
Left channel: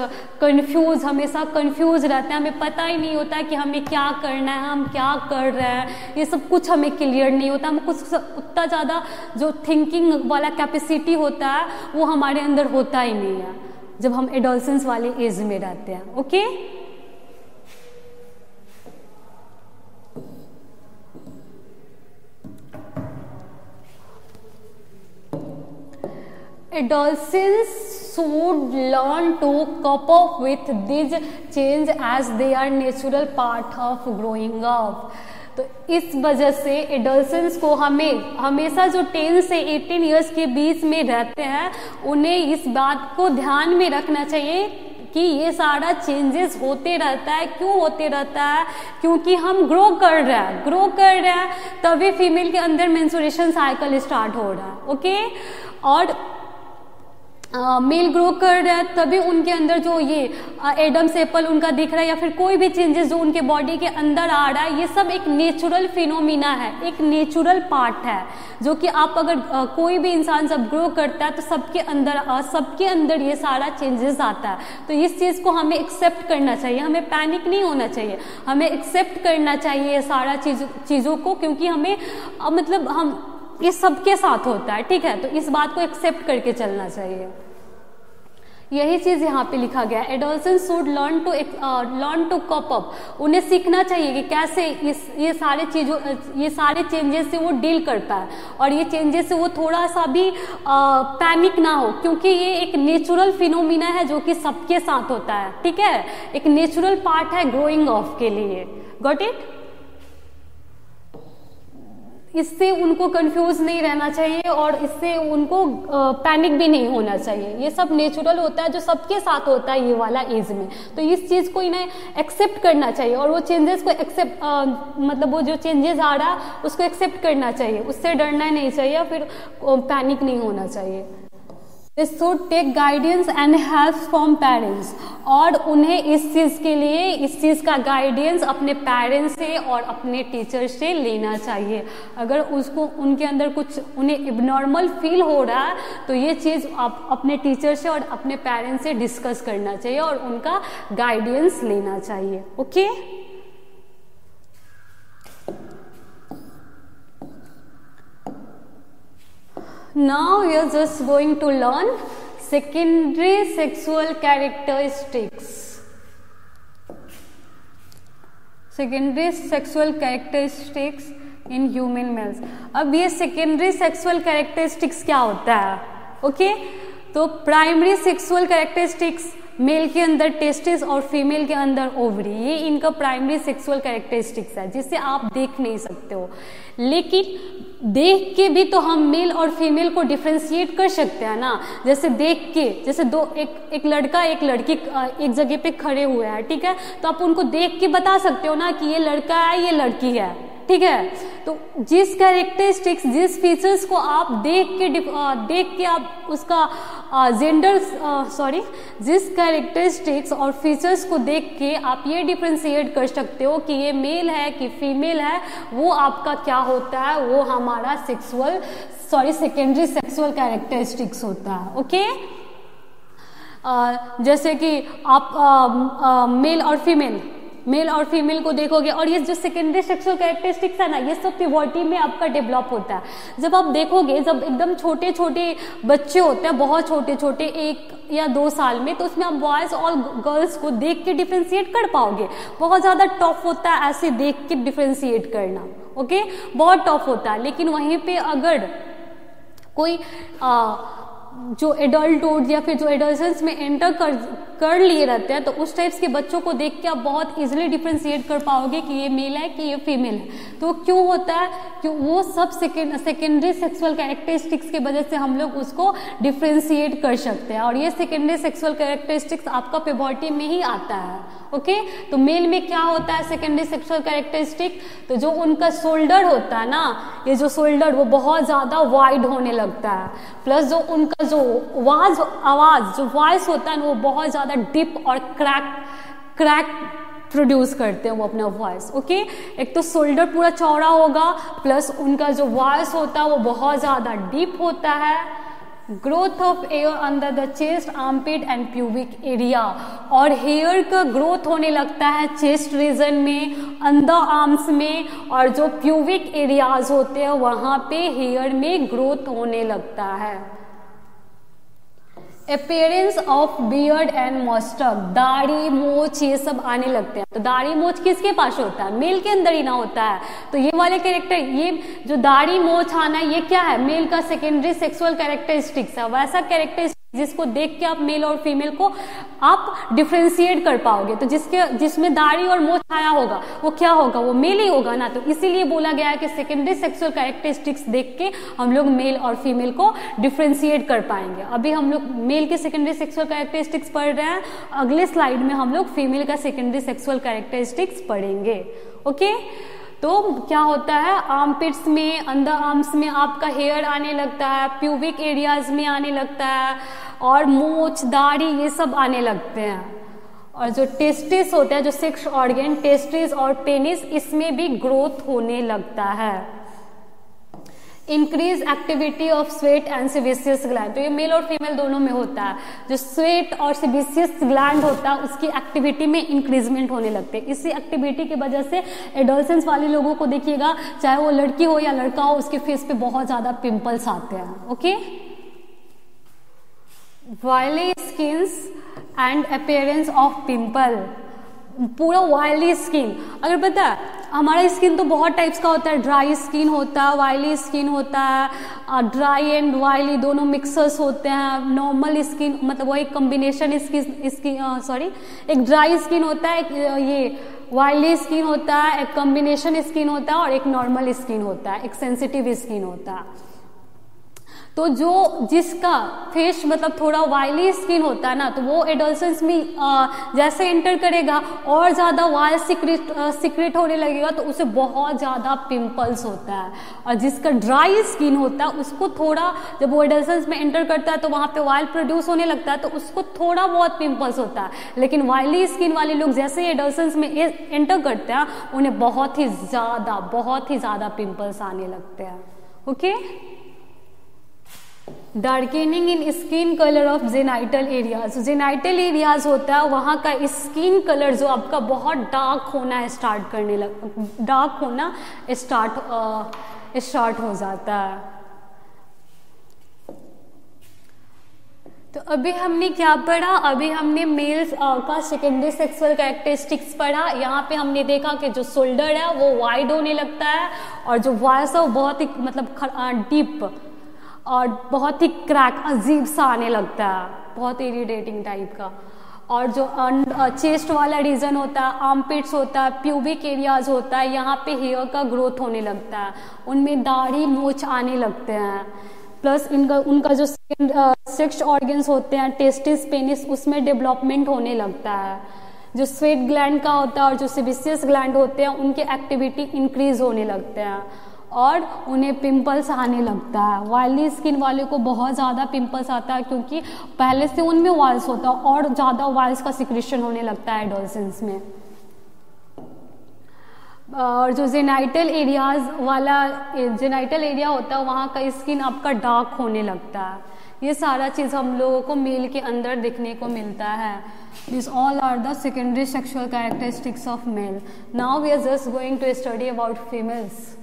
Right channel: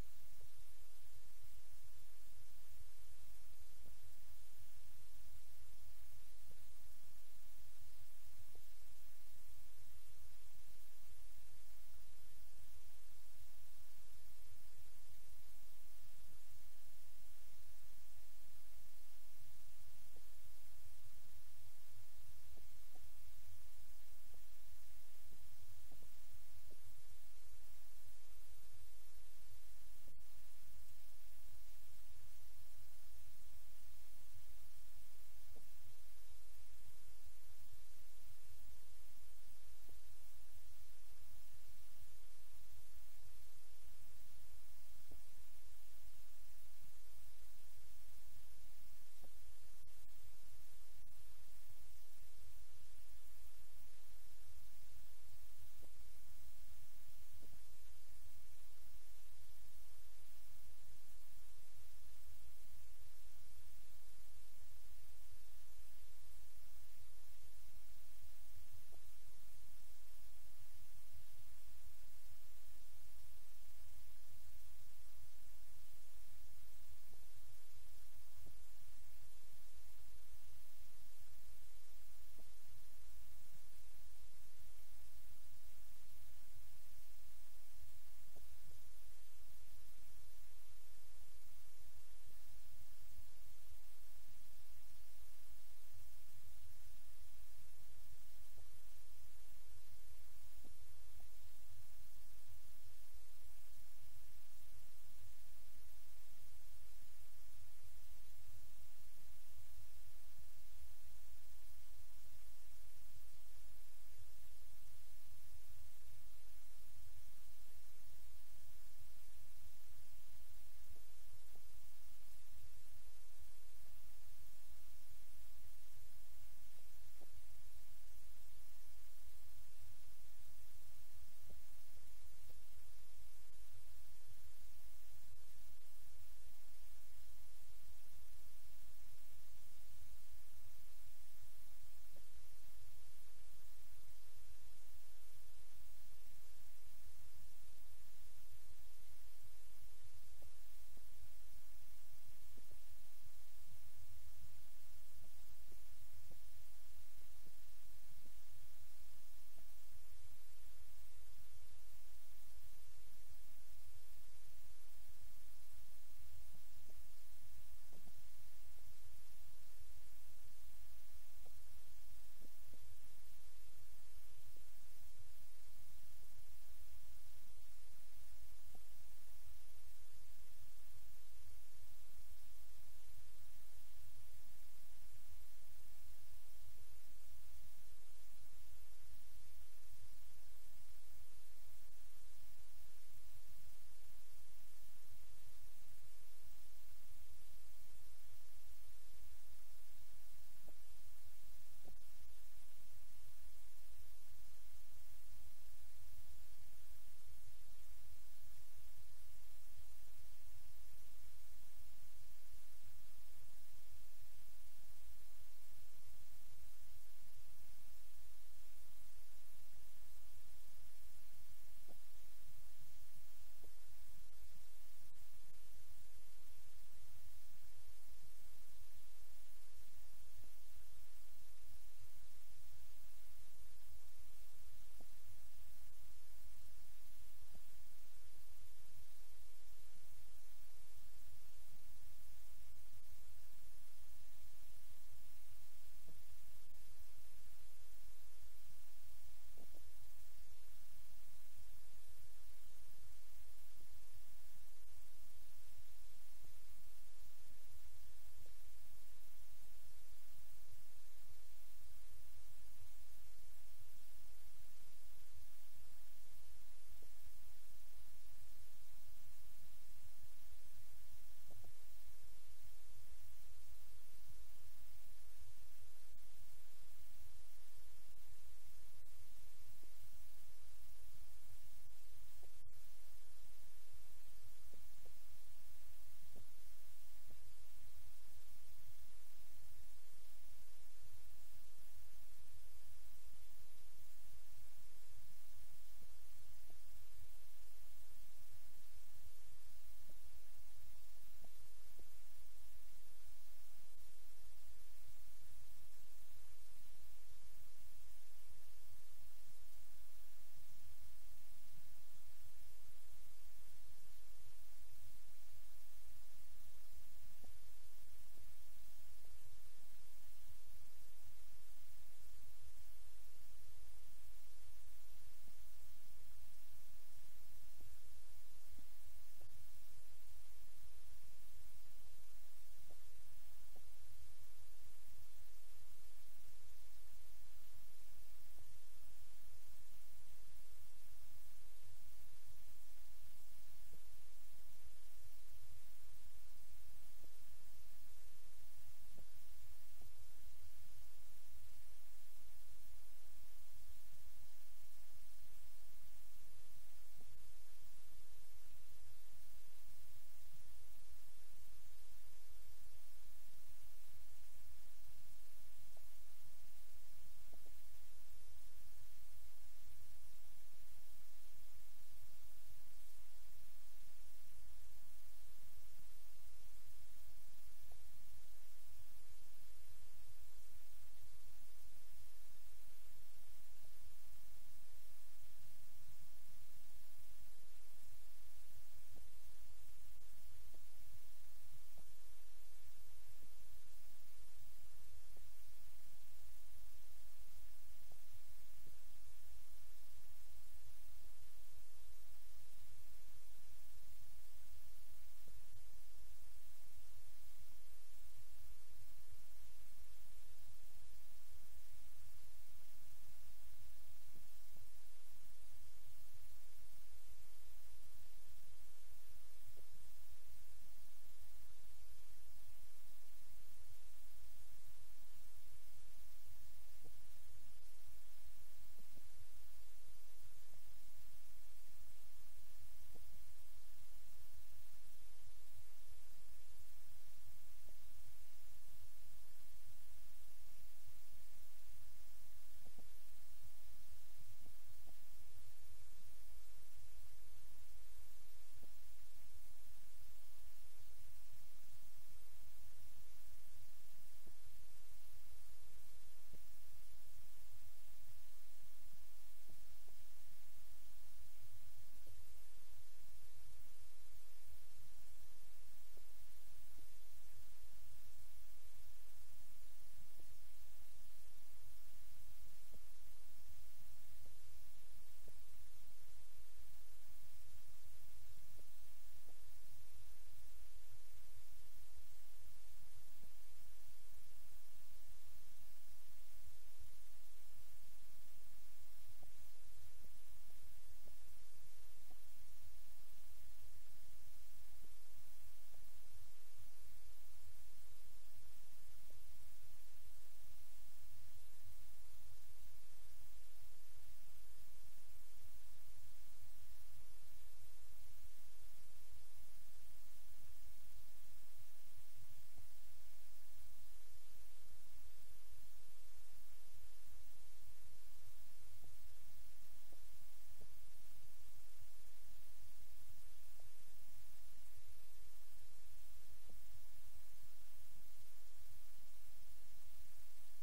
कंफ्यूज, हमेशा कंफ्यूज रहते हैं, हमें पता ही नहीं होता है कि हमें क्या करना है, हम क्या कर रहे हैं, ये सब कुछ हमें क्लियर नहीं होता, हम कुछ उतना ज़्यादा जो थिंकिंग वाला कैपेसिटी होता है वो हमारे अंदर होता ही नहीं है जब हम एडोलसेंस वाले एज में रहते हैं। Okay, adolescents should learn to cope up with these change as they are natural part of growing up। तो इस वजह से एडोलसेंस को हमें हमेशा जो 10 से 18 ईयर्स के बीच में रहते हैं उन्हें इस बात को ध्यान में रखना चाहिए कि ये सारा चेंजेस होते रहता है। क्यों होते रहता है? क्योंकि हम ग्रो कर रहे हैं तभी फीमेल के अंदर मेंस्ट्रुएशन साइकिल स्टार्ट हो रहा है। ओके, और मेल ग्रो कर रहा है तभी उनके अंदर जो ये एडम्स एप्पल उनका दिख रहा है, या फिर कोई भी चेंजेस जो उनके बॉडी के अंदर आ रहा है, ये सब एक नेचुरल फिनोमिना है, एक नेचुरल पार्ट है, जो कि आप अगर कोई भी इंसान जब ग्रो करता है तो सबके अंदर ये सारा चेंजेस आता है। तो इस चीज़ को हमें एक्सेप्ट करना चाहिए, हमें पैनिक नहीं होना चाहिए, हमें एक्सेप्ट करना चाहिए ये सारा चीज़ों को, क्योंकि हमें मतलब हम ये सबके साथ होता है, ठीक है। तो इस बात को एक्सेप्ट करके चलना चाहिए। यही चीज़ यहाँ पे लिखा गया है, adolescence should learn to cope up. उन्हें सीखना चाहिए कि कैसे ये सारे चेंजेस से वो डील करता है, और ये चेंजेस से वो थोड़ा सा भी पैनिक ना हो, क्योंकि ये एक नेचुरल फिनोमिना है जो कि सबके साथ होता है, ठीक है। एक नेचुरल पार्ट है ग्रोइंग ऑफ के लिए। Got it? इससे उनको कंफ्यूज नहीं रहना चाहिए और इससे उनको पैनिक भी नहीं होना चाहिए। ये सब नेचुरल होता है जो सबके साथ होता है ये वाला एज में। तो इस चीज़ को इन्हें एक्सेप्ट करना चाहिए और वो चेंजेस को एक्सेप्ट मतलब वो जो चेंजेस आ रहा है उसको एक्सेप्ट करना चाहिए, उससे डरना नहीं चाहिए, फिर पैनिक नहीं होना चाहिए। They should take guidance and help from parents, और उन्हें इस चीज़ का गाइडेंस अपने पेरेंट्स से और अपने टीचर से लेना चाहिए। अगर उसको उनके अंदर कुछ उन्हें इबनॉर्मल फील हो रहा है तो ये चीज़ आप अपने टीचर से और अपने पेरेंट्स से डिस्कस करना चाहिए और उनका गाइडेंस लेना चाहिए। Okay, now we are just going to learn secondary sexual characteristics। secondary sexual characteristics in human males। अब ये secondary sexual characteristics क्या होता है? ओके, तो प्राइमरी सेक्सुअल कैरेक्टरिस्टिक्स मेल के अंदर टेस्टिस और फीमेल के अंदर ओवरी, ये इनका प्राइमरी सेक्सुअल कैरेक्टरिस्टिक्स है जिसे आप देख नहीं सकते हो, लेकिन देख के भी तो हम मेल और फीमेल को डिफ्रेंशिएट कर सकते हैं ना। जैसे देख के, जैसे एक लड़का एक लड़की एक जगह पे खड़े हुए हैं, ठीक है, तो आप उनको देख के बता सकते हो ना कि ये लड़का है ये लड़की है, ठीक है। तो जिस कैरेक्टरिस्टिक्स जिस फीचर्स को आप देख के आप उसका जिस कैरेक्टरिस्टिक्स और फीचर्स को देख के आप ये डिफ्रेंशिएट कर सकते हो कि ये मेल है कि फीमेल है, वो आपका क्या होता है, वो हमारा सेकेंडरी सेक्सुअल कैरेक्टरिस्टिक्स होता है। ओके, जैसे कि आप मेल और फीमेल को देखोगे, और ये जो सेकेंडरी सेक्सुअल कैरेक्टरिस्टिक्स है ना, ये सब प्यूबर्टी में आपका डेवलप होता है। जब आप देखोगे, जब एकदम छोटे छोटे बच्चे होते हैं, बहुत छोटे छोटे 1 या 2 साल में, तो उसमें आप बॉयज़ और गर्ल्स को देख के डिफ्रेंशिएट कर पाओगे। बहुत ज़्यादा टफ होता है ऐसे देख के डिफ्रेंशिएट करना, ओके, बहुत टफ होता है। लेकिन वहीं पे अगर कोई जो एडल्टहुड या फिर जो एडोलेसेंस में एंटर कर लिए रहते हैं, तो उस टाइप्स के बच्चों को देख के आप बहुत इजीली डिफ्रेंशिएट कर पाओगे कि ये मेल है कि ये फीमेल है। तो क्यों होता है कि वो सब सेकेंडरी सेक्सुअल कैरेक्टरिस्टिक्स की वजह से हम लोग उसको डिफ्रेंशिएट कर सकते हैं, और ये सेकेंडरी सेक्सुअल कैरेक्टरिस्टिक्स आपका प्यूबर्टी में ही आता है। ओके, तो मेल में क्या होता है सेकेंडरी सेक्सुअल कैरेक्टरिस्टिक, तो जो उनका शोल्डर होता है ना, ये जो शोल्डर वो बहुत ज़्यादा वाइड होने लगता है, प्लस जो उनका जो आवाज़ जो वॉइस होता है वो बहुत ज़्यादा डीप और क्रैक प्रोड्यूस करते हैं वो अपना वॉइस। ओके, एक तो शोल्डर पूरा चौड़ा होगा, प्लस उनका जो वॉइस होता है वो बहुत ज़्यादा डीप होता है। Growth of air under the chest, armpit and pubic area, और हेयर का ग्रोथ होने लगता है चेस्ट रीजन में, अंडर आर्म्स में, और जो प्यूबिक एरियाज होते हैं वहाँ पे हेयर में ग्रोथ होने लगता है। अपीयरेंस ऑफ बियर्ड एंड मस्टक, दाढ़ी मोछ ये सब आने लगते हैं। तो दाढ़ी मोछ किसके पास होता है? मेल के अंदर ही ना होता है। तो ये वाले कैरेक्टर, ये जो दाढ़ी मोछ आना, ये क्या है? मेल का सेकेंडरी सेक्सुअल कैरेक्टरिस्टिक्स है, वैसा कैरेक्टरिस्टिक्स जिसको देख के आप मेल और फीमेल को आप डिफ्रेंशिएट कर पाओगे। तो जिसमें दाढ़ी और मोछ आया होगा वो क्या होगा? वो मेल ही होगा ना। तो इसीलिए बोला गया है कि सेकेंडरी सेक्सुअल कैरेक्टरिस्टिक्स देख के हम लोग मेल और फीमेल को डिफ्रेंशिएट कर पाएंगे। अभी हम लोग मेल के सेकेंडरी सेक्सुअल कैरेक्टरिस्टिक्स पढ़ रहे हैं, अगले स्लाइड में हम लोग फीमेल का सेकेंडरी सेक्सुअल कैरेक्टरिस्टिक्स पढ़ेंगे। ओके, तो क्या होता है, आर्मपिट्स में, अंडर आर्म्स में आपका हेयर आने लगता है, प्यूबिक एरियाज में आने लगता है, और मूछ, दाढ़ी ये सब आने लगते हैं। और जो टेस्टिस होता है, जो सेक्स ऑर्गन, टेस्टिस और पेनिस, इसमें भी ग्रोथ होने लगता है। Increase activity of sweat and sebaceous gland, तो ये मेल और फीमेल दोनों में होता है। जो स्वेट और सेबेसियस ग्लैंड होता है उसकी एक्टिविटी में इंक्रीजमेंट होने लगते हैं। इसी एक्टिविटी की वजह से एडोलेसेंस वाले लोगों को देखिएगा, चाहे वो लड़की हो या लड़का हो, उसके फेस पे बहुत ज्यादा पिंपल्स आते हैं। Okay, oily skins and appearance of pimple, पूरा वायली स्किन। अगर पता है हमारा स्किन तो बहुत टाइप्स का होता है, ड्राई स्किन होता है, वायली स्किन होता है, ड्राई एंड वायली दोनों मिक्सर्स होते हैं। नॉर्मल स्किन मतलब वो एक कॉम्बिनेशन एक ड्राई स्किन होता है, एक ये वायली स्किन होता है, एक कॉम्बिनेशन स्किन होता है, और एक नॉर्मल स्किन होता है, एक सेंसिटिव स्किन होता है। तो जो जिसका फेस मतलब थोड़ा वायली स्किन होता है ना, तो वो एडोलेसेंस में जैसे एंटर करेगा और ज़्यादा वायल सिक्रेट होने लगेगा, तो उसे बहुत ज़्यादा पिंपल्स होता है। और जिसका ड्राई स्किन होता है उसको थोड़ा, जब वो एडोलेसेंस में एंटर करता है तो वहाँ पे वायल प्रोड्यूस होने लगता है, तो उसको थोड़ा बहुत पिंपल्स होता है। लेकिन वायली स्किन वाले लोग जैसे ही एडोलेसेंस में एंटर करते हैं उन्हें बहुत ही ज़्यादा पिंपल्स आने लगते हैं। Okay, darkening in skin colour of genital areas, genital areas होता है वहाँ का स्किन कलर जो आपका बहुत डार्क होना स्टार्ट हो जाता है। तो अभी हमने क्या पढ़ा? अभी हमने मेल्स का सेकेंडरी सेक्सुअल कैरेक्टरिस्टिक्स पढ़ा। यहाँ पे हमने देखा कि जो शोल्डर है वो वाइड होने लगता है, और जो वॉइस है वो बहुत ही मतलब डीप और बहुत ही क्रैक अजीब सा आने लगता है, बहुत इरिटेटिंग टाइप का। और जो चेस्ट वाला रीजन होता है, आर्मपिट्स होता है, प्यूबिक एरियाज होता है, यहाँ पे हेयर का ग्रोथ होने लगता है, उनमें दाढ़ी मूछ आने लगते हैं। प्लस उनका जो सेक्स ऑर्गन्स होते हैं, टेस्टिस, पेनिस, उसमें डेवलपमेंट होने लगता है। जो स्वेट ग्लैंड का होता है और जो सेबेसियस ग्लैंड होते हैं उनके एक्टिविटी इंक्रीज होने लगते हैं, और उन्हें पिंपल्स आने लगता है। वायली स्किन वाले को बहुत ज़्यादा पिंपल्स आता है, क्योंकि पहले से उनमें वायल्स होता है और ज़्यादा वायल्स का सिक्रेशन होने लगता है एडोलेसेंस में। और जो जेनाइटल एरिया होता है वहाँ का स्किन आपका डार्क होने लगता है। ये सारा चीज़ हम लोगों को मेल के अंदर देखने को मिलता है। These all are the secondary sexual characteristics of male. Now we are just going to study about females.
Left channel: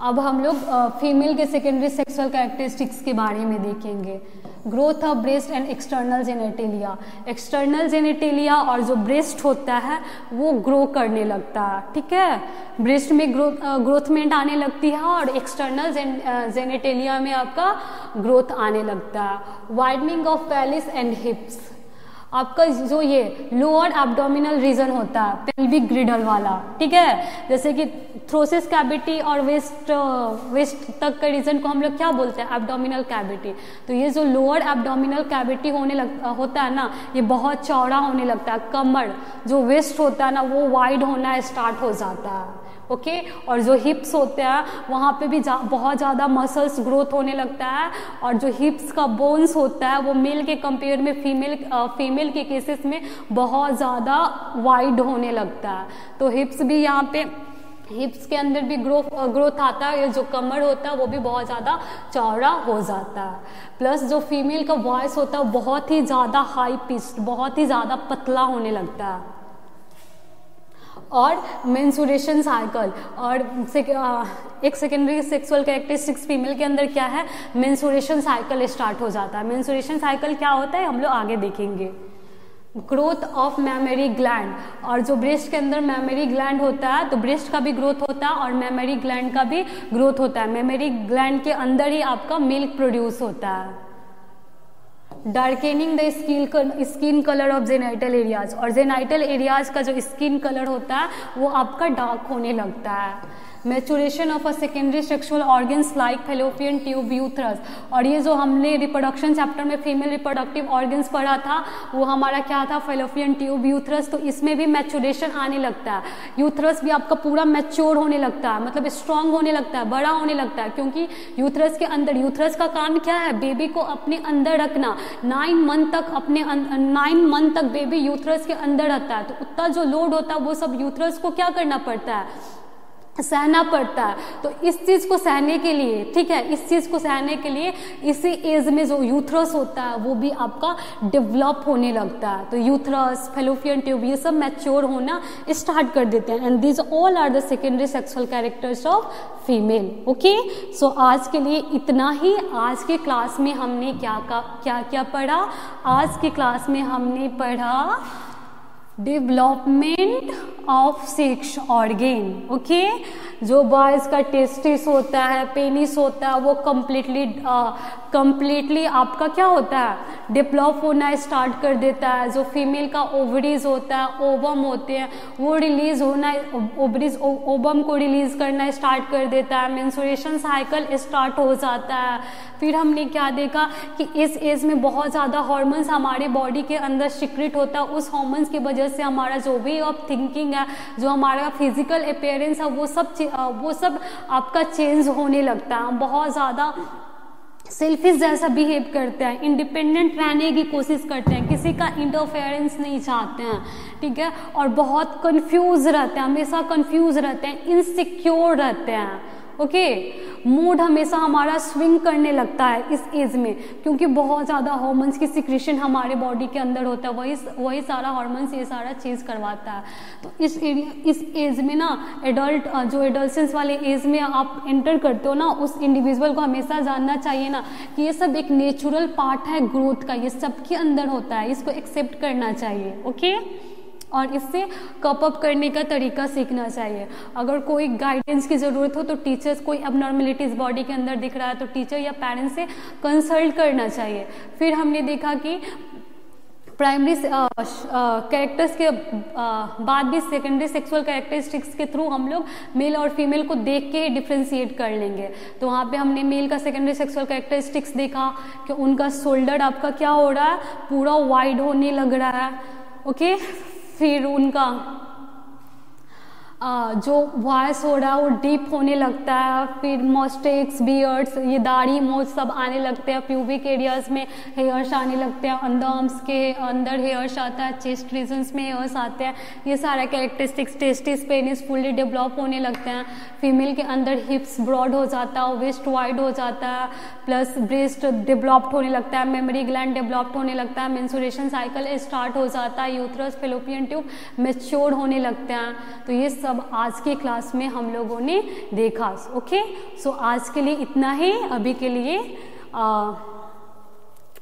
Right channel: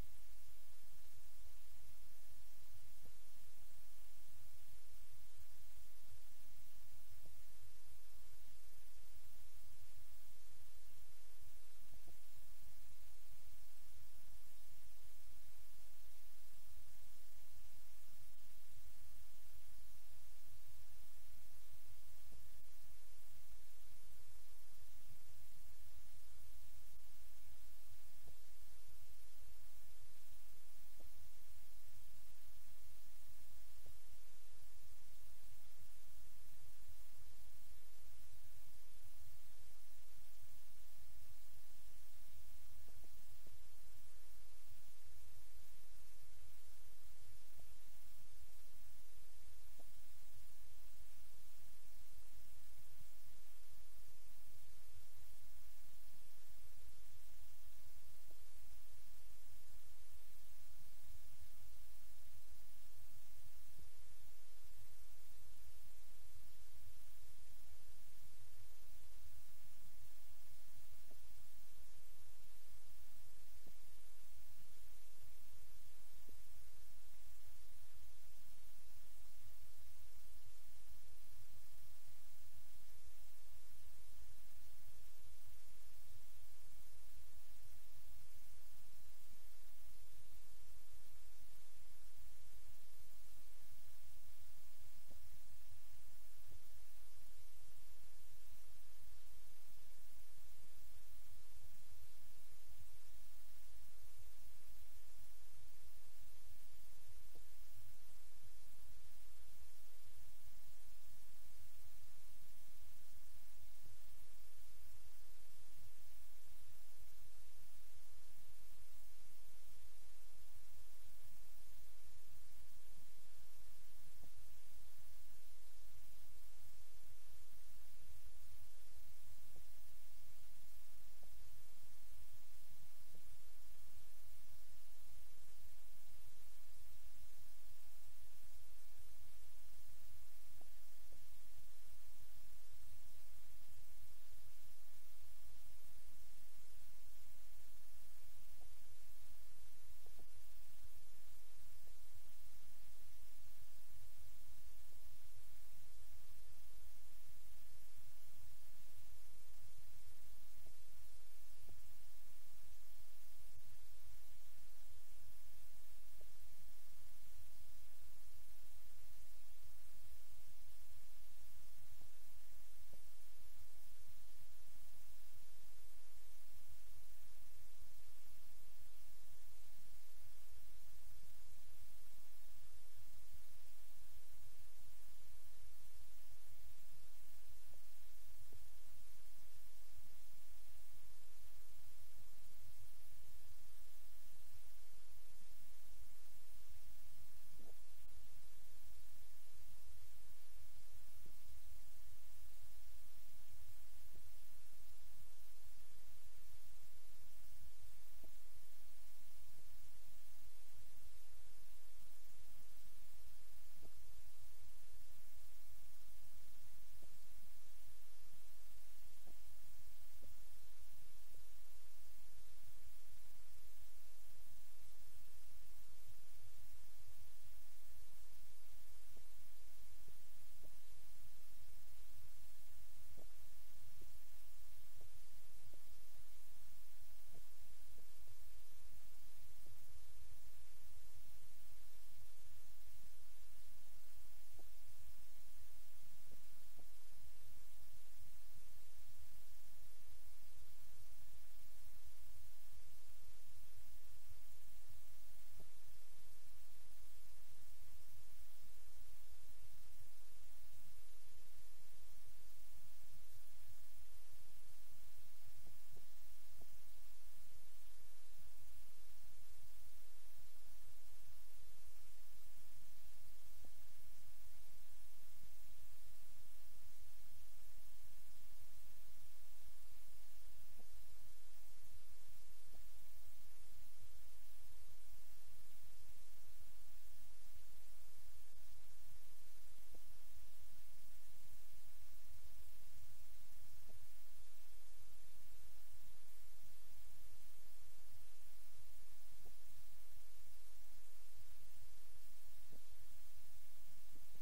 अब हम लोग फीमेल के सेकेंडरी सेक्सुअल कैरेक्टरिस्टिक्स के बारे में देखेंगे। Growth of breast and external genitalia, external genitalia और जो ब्रेस्ट होता है वो ग्रो करने लगता है, ठीक है। ब्रेस्ट में ग्रोथमेंट आने लगती है और एक्सटर्नल जेनेटेलिया में आपका ग्रोथ आने लगता है। वाइडनिंग ऑफ पेल्विस एंड हिप्स, आपका जो ये लोअर एब्डोमिनल रीजन होता है पेल्विक ग्रिडल वाला, ठीक है, जैसे कि थ्रोसिस कैविटी और वेस्ट तक के रीजन को हम लोग क्या बोलते हैं, एब्डोमिनल कैविटी। तो ये जो लोअर एब्डोमिनल कैविटी होता है ना, ये बहुत चौड़ा होने लगता है। कमर जो वेस्ट होता है ना वो वाइड होना स्टार्ट हो जाता है, ओके। और जो हिप्स होते हैं वहाँ पे भी बहुत ज़्यादा मसल्स ग्रोथ होने लगता है। और जो हिप्स का बोन्स होता है वो मेल के कंपेयर में फीमेल के केसेस में बहुत ज़्यादा वाइड होने लगता है। तो हिप्स भी यहाँ पे, हिप्स के अंदर भी ग्रोथ आता है। ये जो कमर होता है वो भी बहुत ज़्यादा चौड़ा हो जाता है। प्लस जो फीमेल का वॉइस होता है बहुत ही ज़्यादा हाई पिच्ड, बहुत ही ज़्यादा पतला होने लगता है। और मेंस्ट्रुएशन साइकिल और एक सेकेंडरी सेक्सुअल कैरेक्टरिस्टिक्स फीमेल के अंदर क्या है, मेंस्ट्रुएशन साइकिल स्टार्ट हो जाता है। मेंस्ट्रुएशन साइकिल क्या होता है हम लोग आगे देखेंगे। ग्रोथ ऑफ मैमरी ग्लैंड, और जो ब्रेस्ट के अंदर मैमरी ग्लैंड होता है तो ब्रेस्ट का भी ग्रोथ होता है और मैमरी ग्लैंड का भी ग्रोथ होता है। मैमरी ग्लैंड के अंदर ही आपका मिल्क प्रोड्यूस होता है। Darkening the skin colour of genital areas, और जेनाइटल एरियाज का जो स्किन कलर होता है वो आपका डार्क होने लगता है। Maturation of a secondary sexual organs like fallopian tube, uterus, और ये जो हमने रिप्रोडक्शन चैप्टर में फीमेल रिप्रोडक्टिव ऑर्गन्स पढ़ा था वो हमारा क्या था, फेलोपियन ट्यूब, यूथरस। तो इसमें भी मैचुरेशन आने लगता है। यूथरस भी आपका पूरा मैच्योर होने लगता है, मतलब स्ट्रांग होने लगता है, बड़ा होने लगता है, क्योंकि यूथरस के अंदर, यूथरस का काम क्या है, बेबी को अपने अंदर रखना। 9 मंथ तक बेबी यूथरस के अंदर रहता है। तो उतना जो लोड होता है वो सब यूथरस को क्या करना पड़ता है, सहना पड़ता है। तो इस चीज़ को सहने के लिए, ठीक है, इस चीज़ को सहने के लिए इसी एज में जो यूथरस होता है वो भी आपका डेवलप होने लगता है। तो यूथरस, फेलोपियन ट्यूब, ये सब मैच्योर होना स्टार्ट कर देते हैं। And these all are the secondary sexual characters of female, okay. So आज के लिए इतना ही। आज के क्लास में हमने क्या पढ़ा, आज की क्लास में हमने पढ़ा development of sex organ, okay. जो बॉयज़ का टेस्टिस होता है, पेनिस होता है, वो कंप्लीटली आपका क्या होता है, डेवलप होना स्टार्ट कर देता है। जो फीमेल का ओवरीज होता है, ओवम होते हैं, वो रिलीज होना, ओवरीज ओवम को रिलीज करना स्टार्ट कर देता है। मेंस्ट्रुएशन साइकिल स्टार्ट हो जाता है। फिर हमने क्या देखा कि इस एज में बहुत ज़्यादा हार्मोन्स हमारे बॉडी के अंदर सीक्रेट होता है। उस हार्मोन्स की वजह से हमारा जो वे ऑफ थिंकिंग है, जो हमारा फिजिकल अपीयरेंस है, वो सब आपका चेंज होने लगता है। हम बहुत ज़्यादा सेल्फिश जैसा बिहेव करते हैं, इंडिपेंडेंट रहने की कोशिश करते हैं, किसी का इंटरफेरेंस नहीं चाहते हैं, ठीक है। और बहुत कंफ्यूज रहते हैं, हमेशा कंफ्यूज रहते हैं, इनसिक्योर रहते हैं, ओके। मूड हमेशा हमारा स्विंग करने लगता है इस एज में, क्योंकि बहुत ज़्यादा हार्मोन्स की सिक्रेशन हमारे बॉडी के अंदर होता है। वही सारा हार्मोन्स ये सारा चीज़ करवाता है। तो इस एज में ना जो एडोलसेंस वाले एज में आप एंटर करते हो ना, उस इंडिविजुअल को हमेशा जानना चाहिए ना कि ये सब एक नेचुरल पार्ट है ग्रोथ का, ये सबके अंदर होता है, इसको एक्सेप्ट करना चाहिए, ओके। और इससे कप अप करने का तरीका सीखना चाहिए। अगर कोई गाइडेंस की ज़रूरत हो तो टीचर्स, कोई एबनॉर्मलिटीज़ बॉडी के अंदर दिख रहा है तो टीचर या पेरेंट्स से कंसल्ट करना चाहिए। फिर हमने देखा कि प्राइमरी कैरेक्टर्स के बाद भी सेकेंडरी सेक्सुअल कैरेक्टरिस्टिक्स के थ्रू हम लोग मेल और फीमेल को देख के डिफ्रेंशिएट कर लेंगे। तो वहाँ पे हमने मेल का सेकेंडरी सेक्सुअल कैरेक्टरिस्टिक्स देखा कि उनका शोल्डर आपका क्या हो रहा है, पूरा वाइड होने लग रहा है, ओके। फिर उनका जो वॉइस हो रहा है वो डीप होने लगता है। फिर मस्टेक्स, बियर्ड्स, ये दाढ़ी मोछ सब आने लगते हैं। प्यूबिक एरियाज में हेयर्स आने लगते हैं, अंडर आर्म्स के अंदर हेयर्स आता है, चेस्ट रीजन्स में हेयर्स आते हैं। ये सारा characteristics, testis, penis fully develop होने लगते हैं। फीमेल के अंदर हिप्स ब्रॉड हो जाता है, वेस्ट वाइड हो जाता है, प्लस ब्रेस्ट डेवलप्ड होने लगता है, मेमोरी ग्लैंड डेवलप्ड होने लगता है, मेंस्ट्रुएशन साइकिल स्टार्ट हो जाता है, यूथरस, फेलोपियन ट्यूब मैच्योर होने लगते हैं। तो ये सब आज के क्लास में हम लोगों ने देखा, ओके। सो आज के लिए इतना ही, अभी के लिए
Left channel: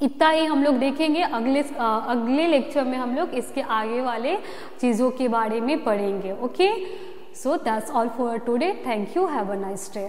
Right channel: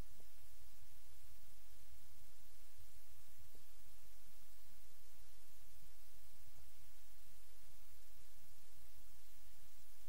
इतना ही हम लोग देखेंगे। अगले लेक्चर में हम लोग इसके आगे वाले चीज़ों के बारे में पढ़ेंगे। Okay, so that's all for today. Thank you, have a nice day.